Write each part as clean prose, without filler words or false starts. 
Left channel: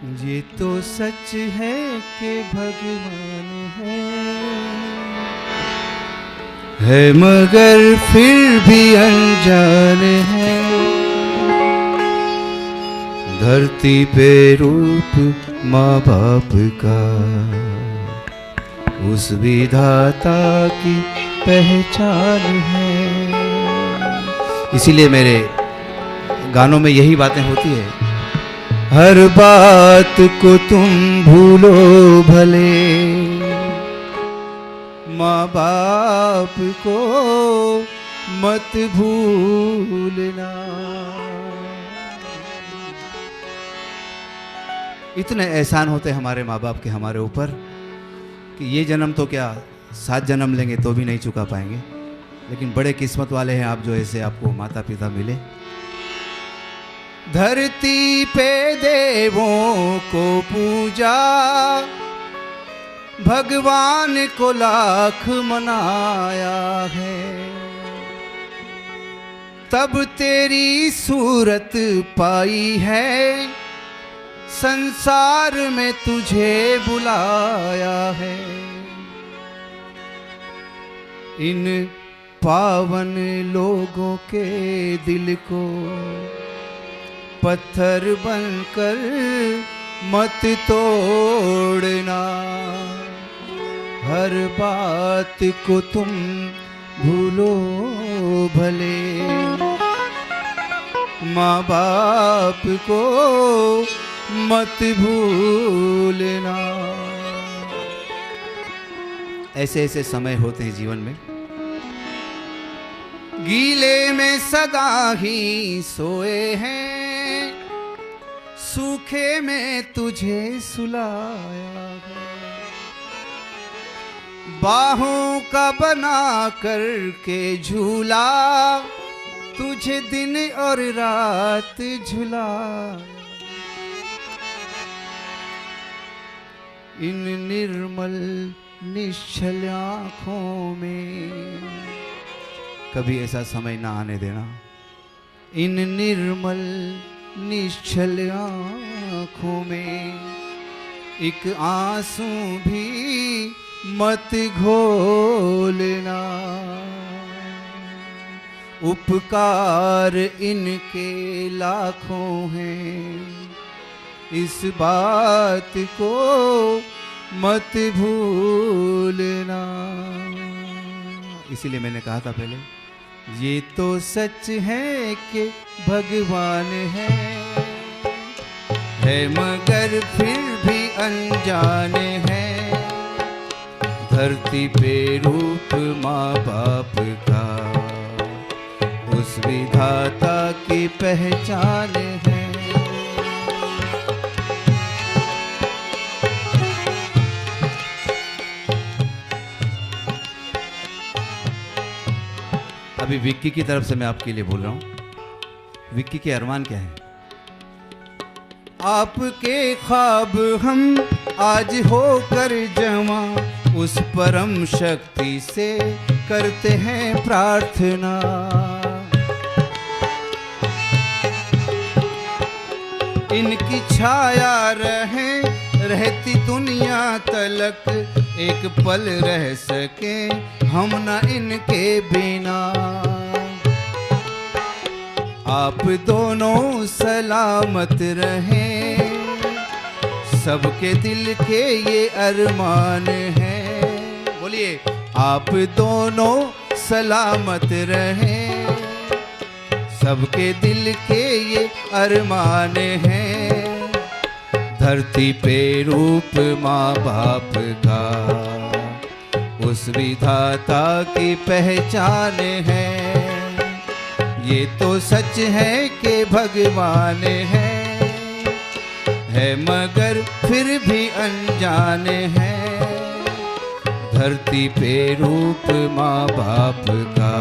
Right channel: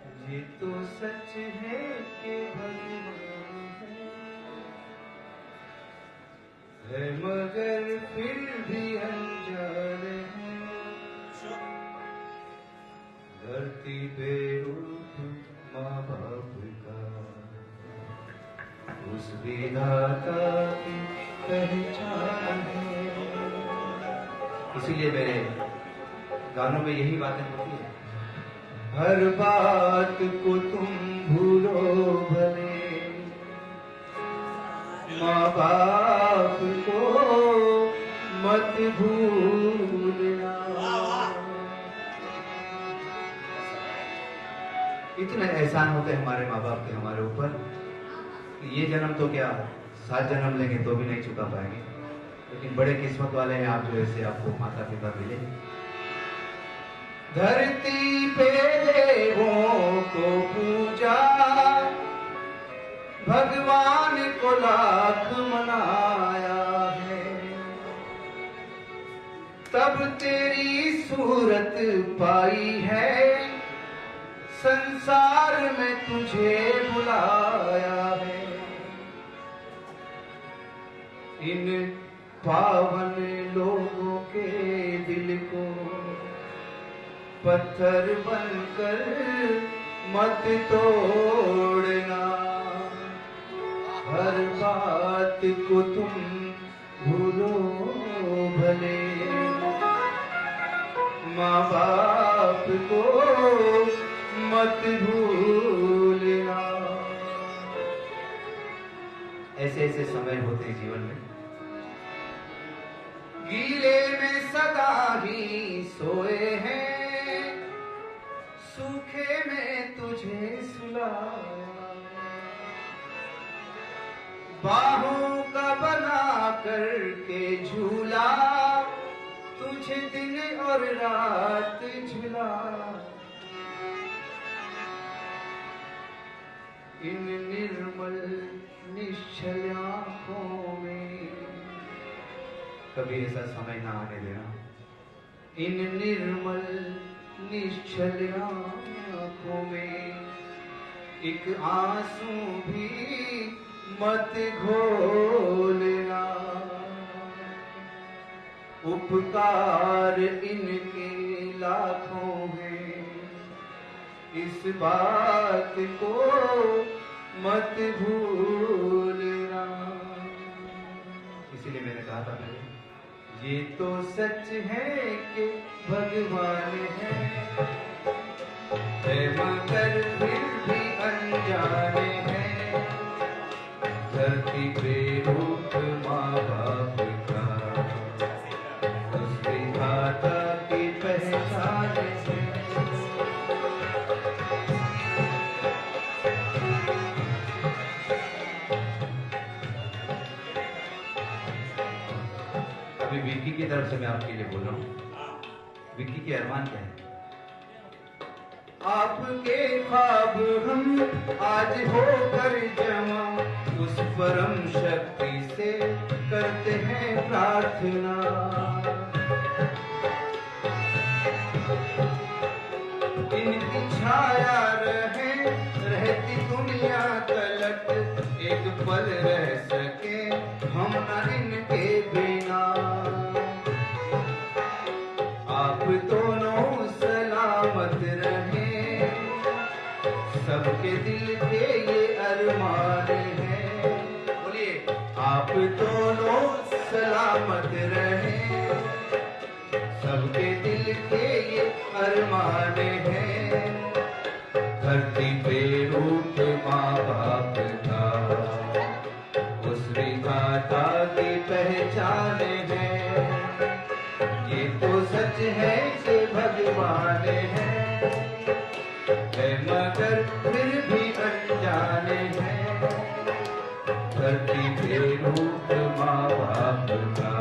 ये तो सच है कि भगवान है मगर फिर भी अनजान है। धरती पे रूप माँ बाप का उस विधाता की पहचान है। इसीलिए मेरे गानों में यही बातें होती है। हर बात को तुम भूलो भले, माँ बाप को मत भूलना। इतने एहसान होते हैं हमारे माँ बाप के हमारे ऊपर कि ये जन्म तो क्या 7 जन्म लेंगे तो भी नहीं चुका पाएंगे। लेकिन बड़े किस्मत वाले हैं आप जो ऐसे आपको माता पिता मिले। धरती पे देवों को पूजा, भगवान को लाख मनाया है। तब तेरी सूरत पाई है, संसार में तुझे बुलाया है। इन पावन लोगों के दिल को पत्थर बनकर मत तोड़ना। हर बात को तुम भूलो भले, माँ बाप को मत भूलना। ऐसे ऐसे समय होते हैं जीवन में, गीले में सदा ही सोए हैं, सूखे में तुझे सुलाया है। बाहों का बना करके झूला, तुझे दिन और रात झूला। इन निर्मल निश्चल आँखों में कभी ऐसा समय ना आने देना। इन निर्मल निश्चल आँखों में एक आंसू भी मत घोलना। उपकार इनके लाखों हैं, इस बात को मत भूलना। इसीलिए मैंने कहा था पहले, ये तो सच है कि भगवान है मगर फिर भी अनजान है। धरती पे रूप माँ बाप का उस विधाता की पहचान है। अभी विक्की की तरफ से मैं आपके लिए बोल रहा हूँ। विक्की के अरमान क्या है? आपके ख्वाब हम आज होकर जमा, उस परम शक्ति से करते हैं प्रार्थना। इनकी छाया रहती दुनिया तलक, एक पल रह सके हम न इनके बिना। आप दोनों सलामत रहें, सबके दिल के ये अरमान हैं। बोलिए, आप दोनों सलामत रहें, सबके दिल के ये अरमान हैं। धरती पे रूप माँ बाप का उस विधाता की पहचान है। ये तो सच है कि भगवान है मगर फिर भी अनजान है। धरती पे रूप माँ बाप का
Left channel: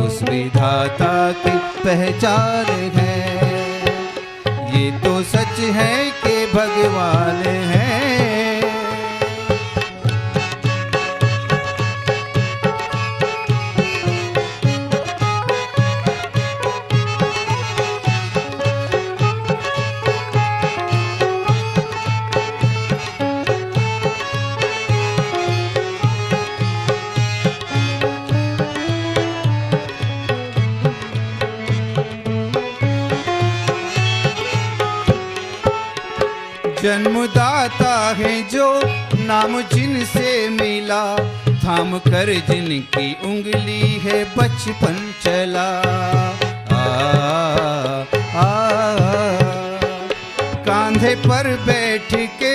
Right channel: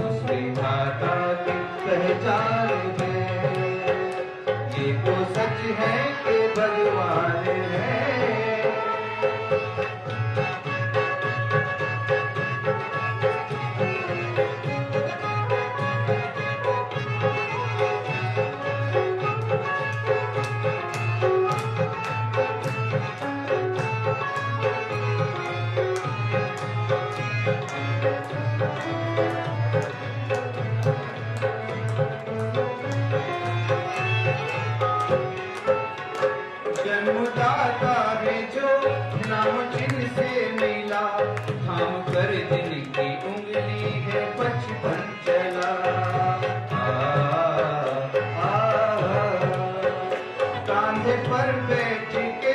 उस विधाता की पहचान है। ये तो सच है कि भगवान है। जन्मदाता है जो नाम जिनसे मिला, थाम कर जिनकी उंगली है बचपन चला। कांधे पर बैठ के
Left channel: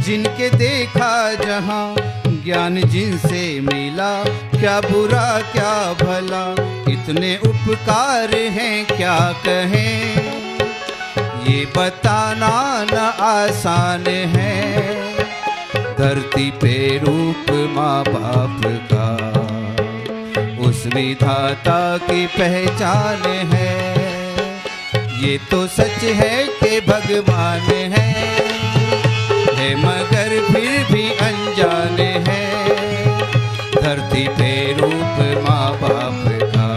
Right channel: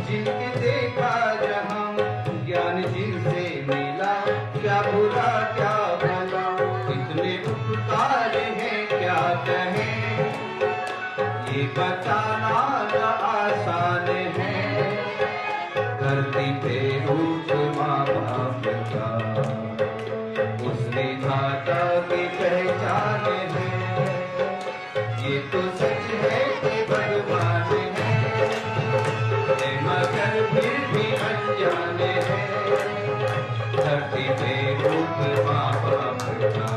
जिनके देखा जहां, ज्ञान जिनसे मिला क्या बुरा क्या भला, इतने उपकार हैं क्या कहें, ये बताना न आसान है। धरती पे रूप माँ बाप का उस विधाता की पहचान है। ये तो सच है कि भगवान है मगर फिर भी अनजान है। धरती पे रूप माँ बाप का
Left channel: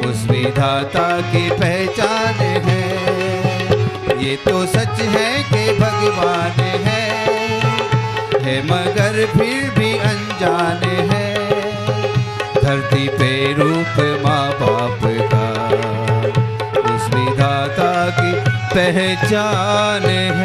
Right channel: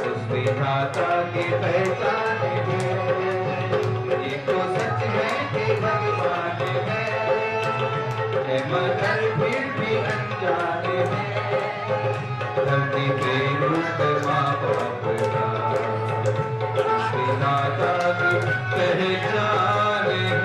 उस विधाता की पहचान है। ये तो सच है कि भगवान है मगर फिर भी अनजान है। धरती पे रूप माँ बाप का उस विधाता की पहचान है।